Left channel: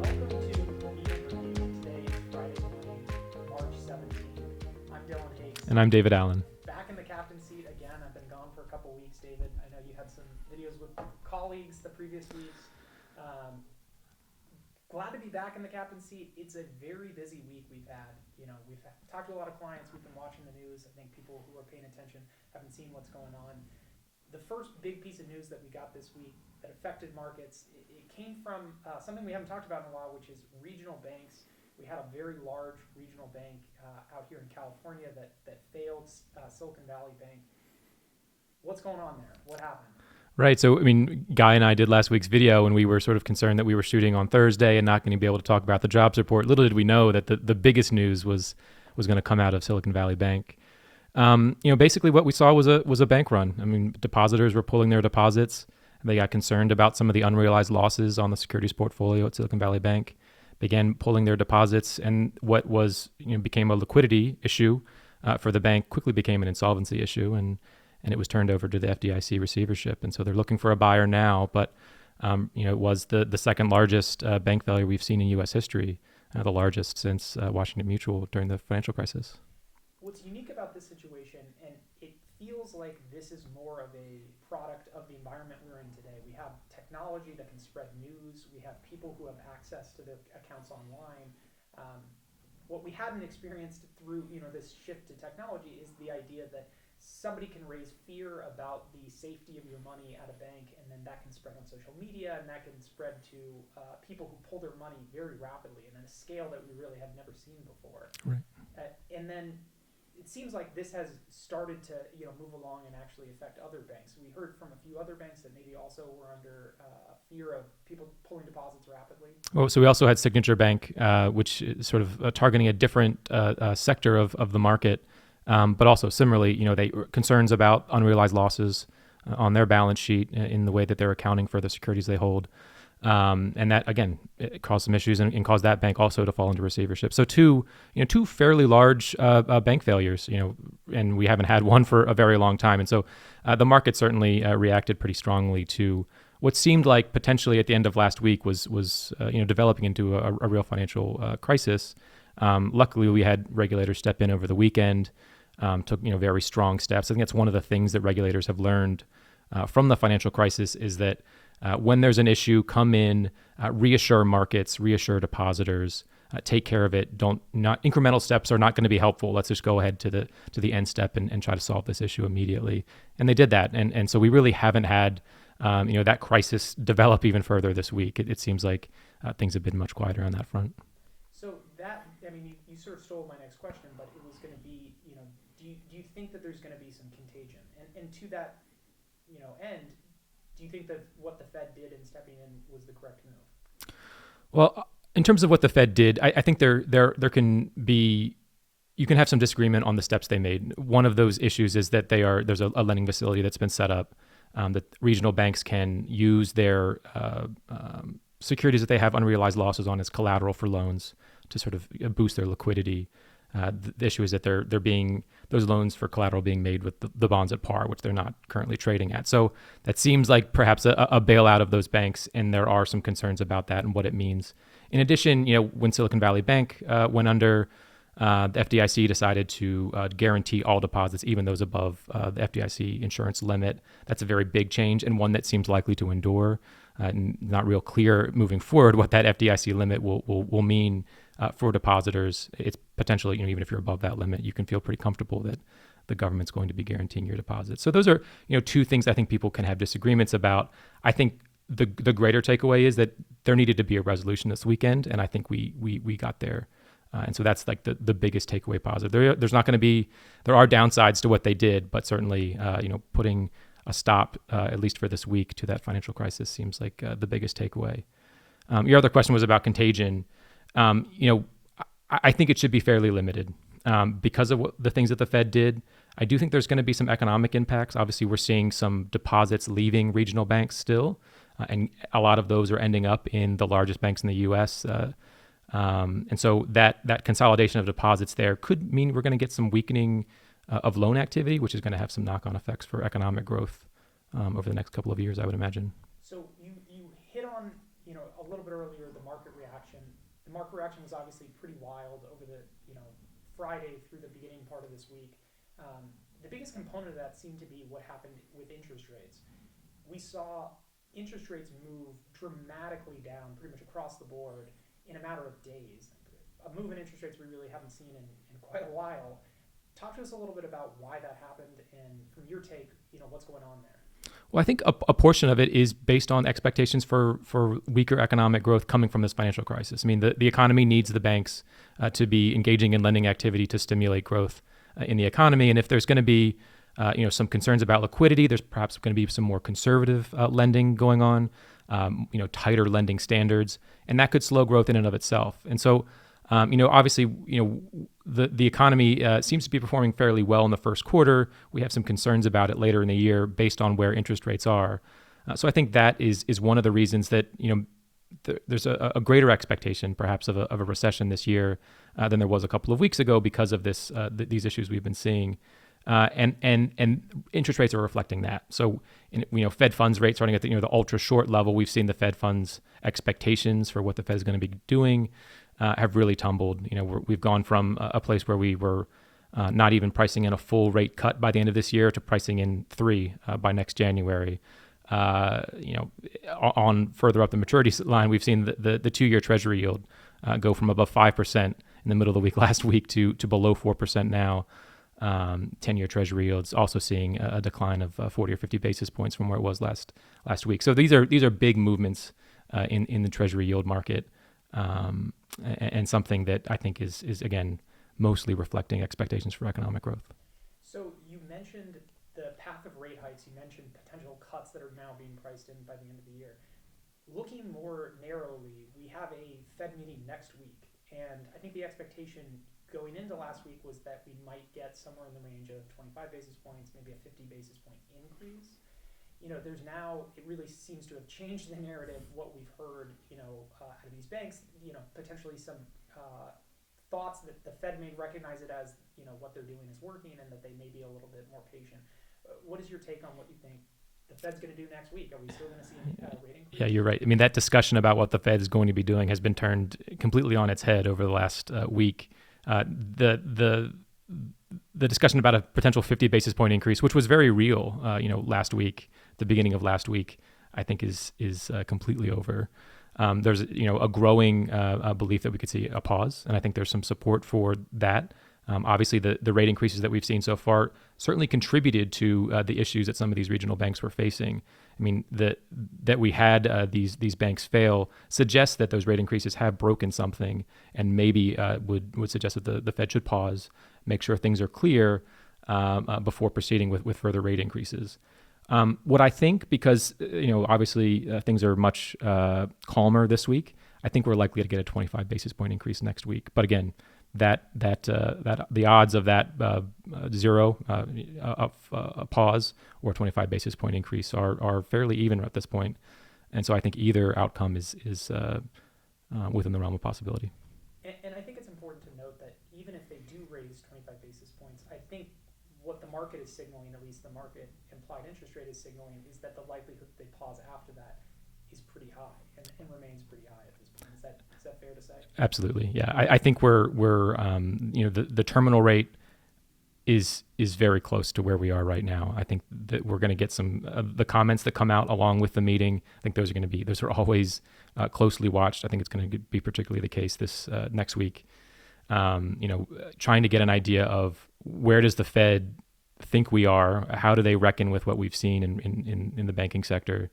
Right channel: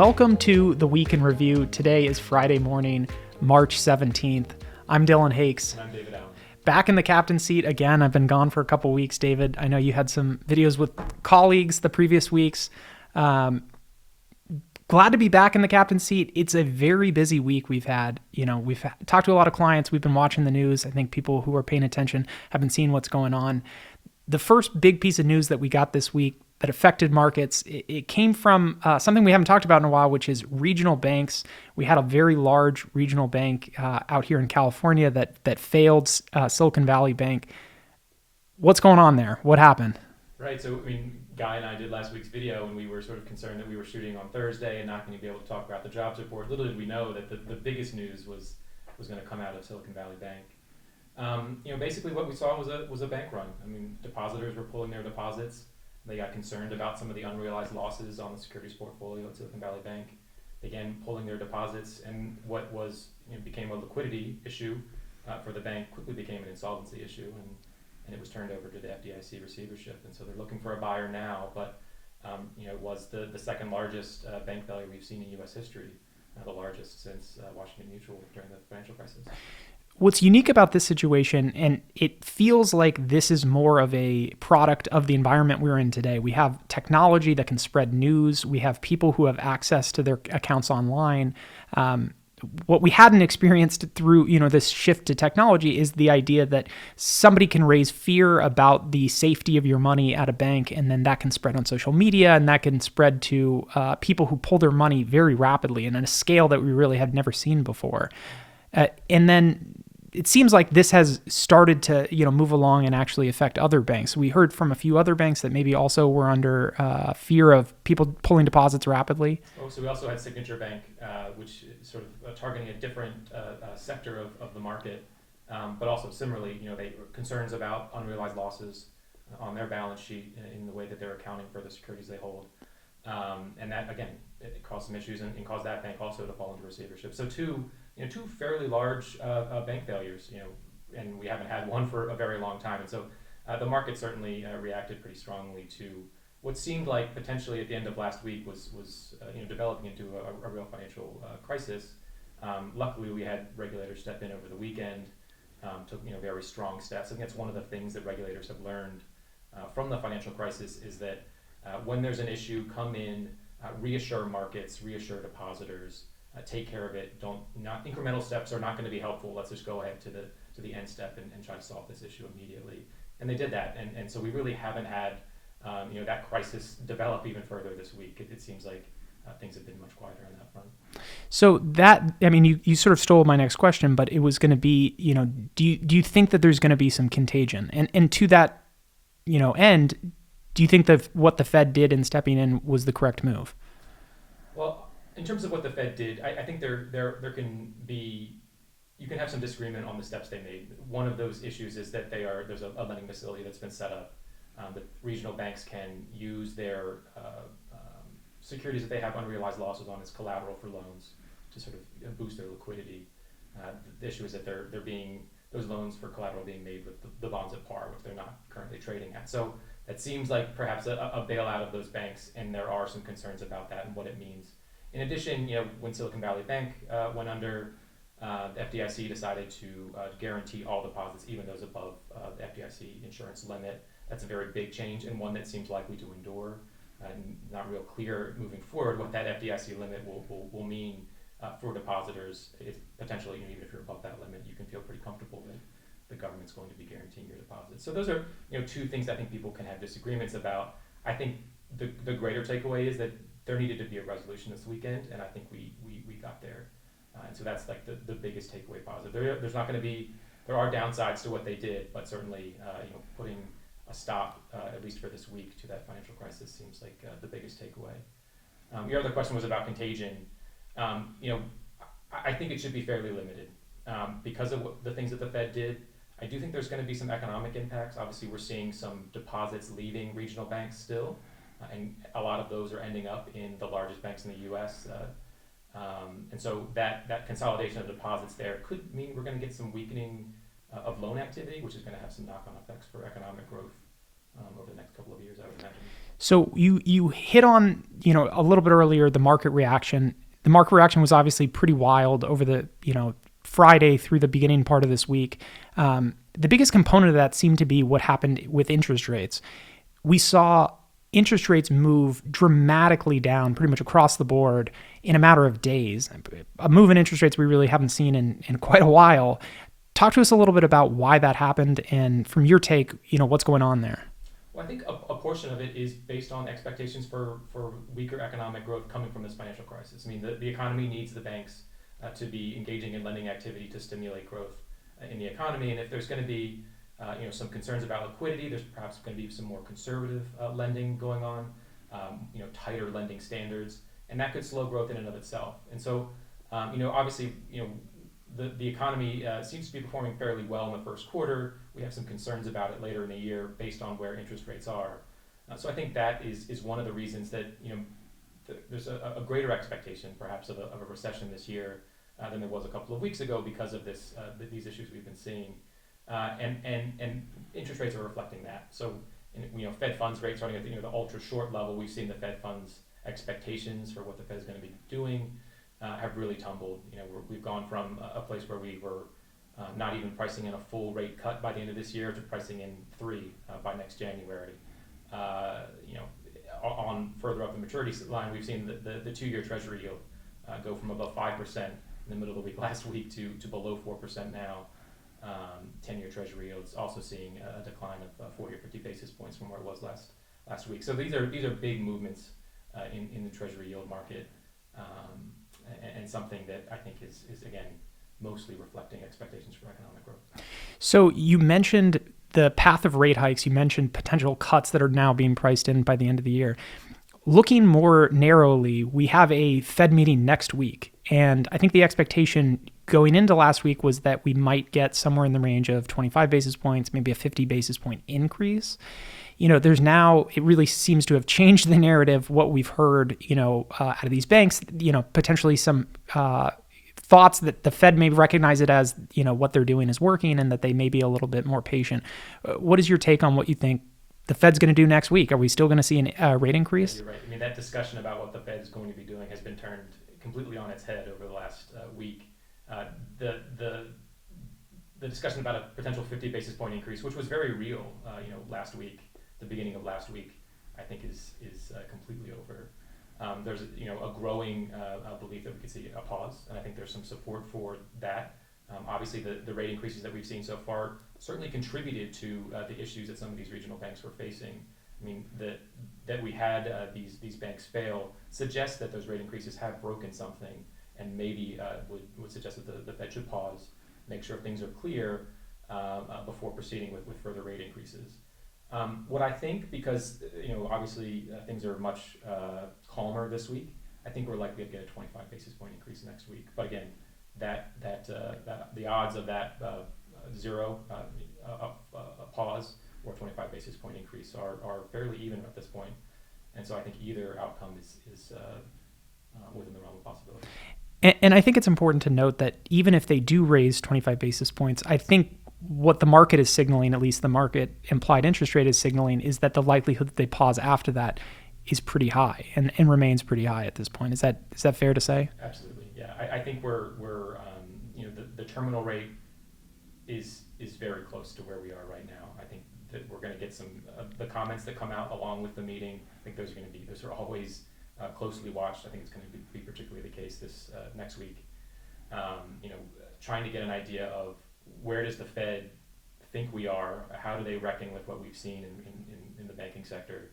Welcome to the Week in Review. Today is Friday morning, March 17th. I'm Dillon Hakes. And I'm David Allen. Back in the captain's seat again. I've been gone for a couple weeks, David. I know you had some videos with colleagues the previous weeks. Glad to be back in the captain's seat. It's a very busy week we've had. We've talked to a lot of clients. We've been watching the news. I think people who are paying attention have been seeing what's going on. The first big piece of news that we got this week that affected markets, it came from something we haven't talked about in a while, which is regional banks. We had a very large regional bank out here in California that failed, Silicon Valley Bank. What's going on there? What happened? Right. So, Guy and I did last week's video, and we were sort of concerned that we were shooting on Thursday and not going to be able to talk about the jobs report. Little did we know that the biggest news was going to come out of Silicon Valley Bank. Basically what we saw was a bank run. Depositors were pulling their deposits. They got concerned about some of the unrealized losses on the securities portfolio at Silicon Valley Bank, began pulling their deposits, and what was became a liquidity issue for the bank quickly became an insolvency issue, and it was turned over to the FDIC receivership. And so they're looking for a buyer now, but it was the second largest bank failure we've seen in U.S. history, the largest since Washington Mutual during the financial crisis. What's unique about this situation, and it feels like this is more of a product of the environment we're in today. We have technology that can spread news. We have people who have access to their accounts online. What we hadn't experienced through this shift to technology is the idea that somebody can raise fear about the safety of your money at a bank, and then that can spread on social media, and that can spread to people who pull their money very rapidly and on a scale that we really had never seen before. And then it seems like this has started to, move along and actually affect other banks. We heard from a few other banks that maybe also were under fear of people pulling deposits rapidly. Well, so we also had Signature Bank, which is sort of targeting a different sector of the market, but also similarly, they concerns about unrealized losses on their balance sheet in the way that they're accounting for the securities they hold. And that, again, it caused some issues and caused that bank also to fall into receivership. So two fairly large bank failures, and we haven't had one for a very long time. And so the market certainly reacted pretty strongly to what seemed like potentially at the end of last week was developing into a real financial crisis. Luckily, we had regulators step in over the weekend, took very strong steps. I think that's one of the things that regulators have learned from the financial crisis is that when there's an issue, come in, reassure markets, reassure depositors, take care of it. Not incremental steps are not going to be helpful. Let's just go ahead to the end step and try to solve this issue immediately. And they did that. And so we really haven't had that crisis develop even further this week. It seems like things have been much quieter on that front. So that, you sort of stole my next question, but it was going to be, do you think that there's going to be some contagion? And to that, end, do you think that what the Fed did in stepping in was the correct move? Well, in terms of what the Fed did, I think there can be, you can have some disagreement on the steps they made. One of those issues is that there's a lending facility that's been set up that regional banks can use their securities that they have unrealized losses on as collateral for loans to sort of boost their liquidity. The issue is that those loans for collateral being made with the bonds at par, which they're not currently trading at. So that seems like perhaps a bailout of those banks, and there are some concerns about that and what it means. In addition, when Silicon Valley Bank went under, the FDIC decided to guarantee all deposits, even those above the FDIC insurance limit. That's a very big change and one that seems likely to endure. Not real clear moving forward what that FDIC limit will mean for depositors. It's potentially, even if you're above that limit, you can feel pretty comfortable that the government's going to be guaranteeing your deposits. So those are, two things I think people can have disagreements about. I think the greater takeaway is that there needed to be a resolution this weekend, and I think we got there. And so that's like the biggest takeaway positive. There are downsides to what they did, but certainly, putting a stop, at least for this week, to that financial crisis seems like the biggest takeaway. Your other question was about contagion. I think it should be fairly limited because of the things that the Fed did. I do think there's going to be some economic impacts. Obviously, we're seeing some deposits leaving regional banks still, and a lot of those are ending up in the largest banks in the U.S. And so that consolidation of deposits there could mean we're going to get some weakening of loan activity, which is going to have some knock-on effects for economic growth over the next couple of years, I would imagine. So you hit on, a little bit earlier, the market reaction. The market reaction was obviously pretty wild over the, Friday through the beginning part of this week. The biggest component of that seemed to be what happened with interest rates. We saw interest rates move dramatically down pretty much across the board in a matter of days. A move in interest rates we really haven't seen in quite a while. Talk to us a little bit about why that happened, and from your take, what's going on there. Well, I think a portion of it is based on expectations for weaker economic growth coming from this financial crisis. I mean, the economy needs the banks to be engaging in lending activity to stimulate growth in the economy. And if there's going to be some concerns about liquidity, there's perhaps going to be some more conservative lending going on, tighter lending standards, and that could slow growth in and of itself. And so, obviously, the economy seems to be performing fairly well in the first quarter. We have some concerns about it later in the year based on where interest rates are. So I think that is one of the reasons that there's a greater expectation perhaps of a recession this year than there was a couple of weeks ago because of these issues we've been seeing. And interest rates are reflecting that. So, Fed funds rates starting at the ultra short level, we've seen the Fed funds expectations for what the Fed is going to be doing have really tumbled. We've gone from a place where we were not even pricing in a full rate cut by the end of this year to pricing in 3 by next January. On further up the maturity line, we've seen the 2-year Treasury yield go from above 5% in the middle of the week last week to below 4% now. 10-year Treasury yields also seeing a decline of 40 or 50 basis points from where it was last week. So these are big movements in the Treasury yield market, and something that I think is again mostly reflecting expectations for economic growth. So you mentioned the path of rate hikes. You mentioned potential cuts that are now being priced in by the end of the year. Looking more narrowly, we have a Fed meeting next week, and I think the expectation going into last week was that we might get somewhere in the range of 25 basis points, maybe a 50 basis point increase. There's now, it really seems to have changed the narrative, what we've heard, out of these banks, potentially some thoughts that the Fed may recognize it as, what they're doing is working and that they may be a little bit more patient. What is your take on what you think the Fed's going to do next week? Are we still going to see a rate increase? Yeah, you're right. I mean, that discussion about what the Fed is going to be doing has been turned completely on its head over the last week. The discussion about a potential 50 basis point increase, which was very real, last week, the beginning of last week, I think is completely over. There's a growing belief that we could see a pause, and I think there's some support for that. Obviously, the rate increases that we've seen so far certainly contributed to the issues that some of these regional banks were facing. I mean, that we had these banks fail suggests that those rate increases have broken something, and maybe would suggest that the Fed should pause, make sure things are clear before proceeding with further rate increases. What I think, because obviously things are much calmer this week, I think we're likely to get a 25 basis point increase next week. But again, that the odds of that zero a pause or 25 basis point increase are fairly even at this point, and so I think either outcome is within the realm of possibility. And I think it's important to note that even if they do raise 25 basis points, I think what the market is signaling, at least the market implied interest rate is signaling, is that the likelihood that they pause after that is pretty high and remains pretty high at this point. Is that fair to say? Absolutely. Yeah. I think we're the terminal rate is very close to where we are right now. I think that we're going to get some of the comments that come out along with the meeting. I think those are always closely watched. I think it's going to be particularly the case this next week. Trying to get an idea of where does the Fed think we are? How do they reckon with what we've seen in the banking sector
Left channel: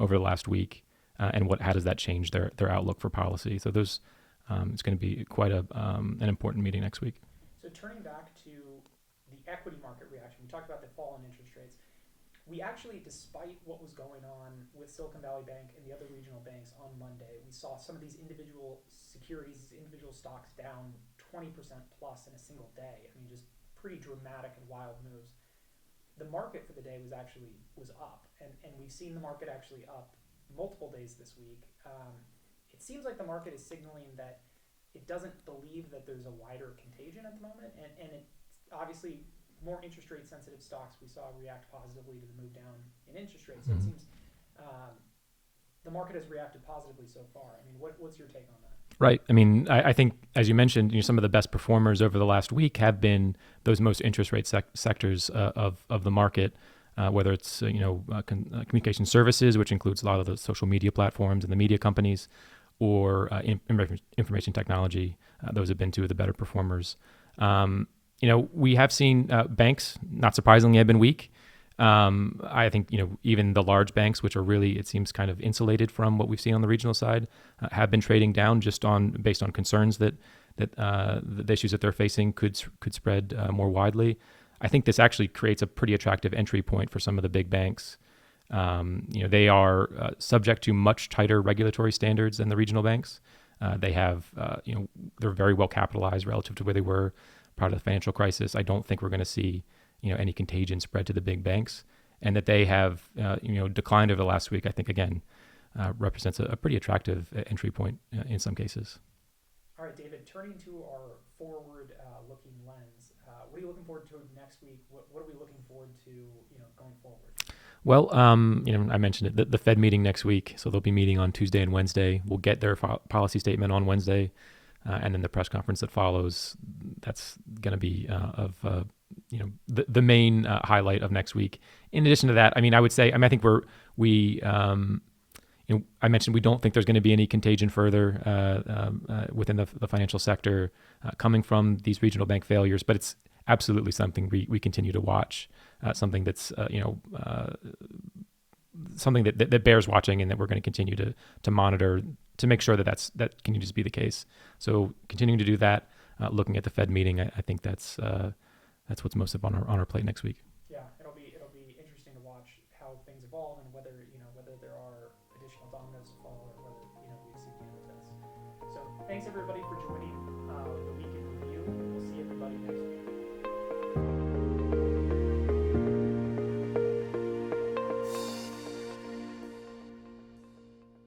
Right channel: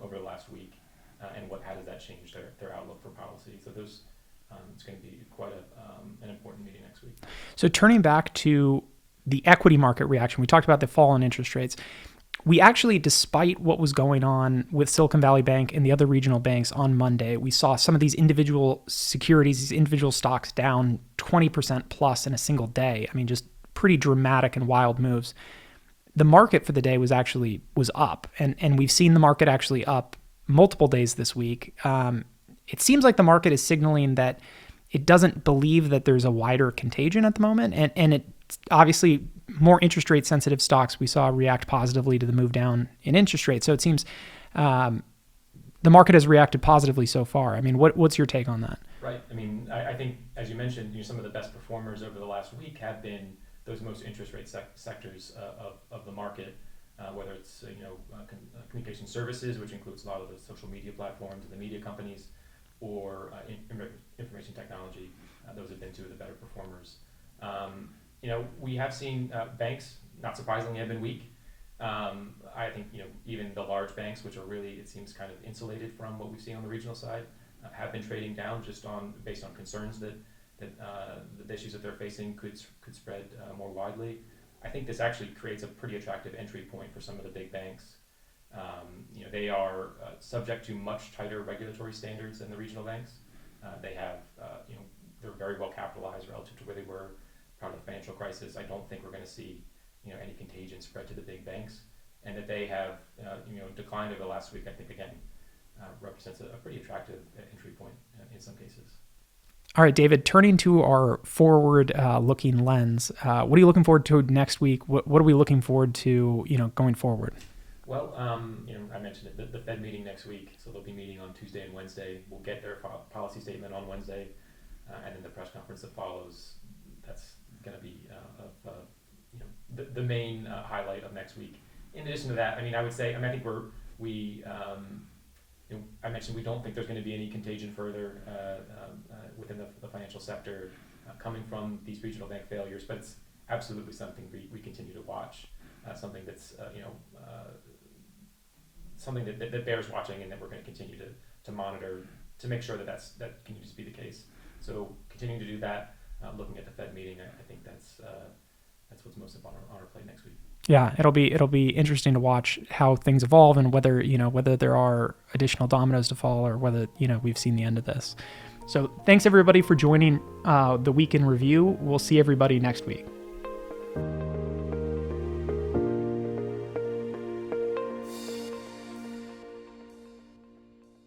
over the last week, and how does that change their outlook for policy? So it's going to be quite an important meeting next week. So turning back to the equity market reaction, we talked about the fall in interest rates. We actually, despite what was going on with Silicon Valley Bank and the other regional banks on Monday, we saw some of these individual securities, these individual stocks down 20% plus in a single day. I mean, just pretty dramatic and wild moves. The market for the day was up, and we've seen the market actually up multiple days this week. It seems like the market is signaling that it doesn't believe that there's a wider contagion at the moment, and it's obviously more interest rate sensitive stocks we saw react positively to the move down in interest rates. So it seems the market has reacted positively so far. I mean, what's your take on that? Right. I mean, I think, as you mentioned, some of the best performers over the last week have been those most interest rate sectors of the market, whether it's communication services, which includes a lot of the social media platforms and the media companies, or information technology. Those have been two of the better performers. We have seen banks, not surprisingly, have been weak. I think even the large banks, which are really, it seems, kind of insulated from what we've seen on the regional side, have been trading down just based on concerns that the issues that they're facing could spread more widely. I think this actually creates a pretty attractive entry point for some of the big banks. They are subject to much tighter regulatory standards than the regional banks. They have, they're very well capitalized relative to where they were prior to the financial crisis. I don't think we're going to see any contagion spread to the big banks, and that they have declined over the last week, I think, again, represents a pretty attractive entry point in some cases. All right, David, turning to our forward looking lens, what are you looking forward to next week? What are we looking forward to, going forward? Well, I mentioned it, the Fed meeting next week. So they'll be meeting on Tuesday and Wednesday. We'll get their policy statement on Wednesday, and then the press conference that follows. That's going to be the main highlight of next week. In addition to that, I would say, I think I mentioned we don't think there's going to be any contagion further within the financial sector coming from these regional bank failures, but it's absolutely something we continue to watch, something that's something that bears watching, and that we're going to continue to monitor to make sure that continues to be the case. So continuing to do that, looking at the Fed meeting, I think that's what's most up on our plate next week. Yeah, it'll be interesting to watch how things evolve, and whether there are additional dominoes to fall, or whether we've seen the end of this. So thanks everybody for joining the Week in Review. We'll see everybody next week.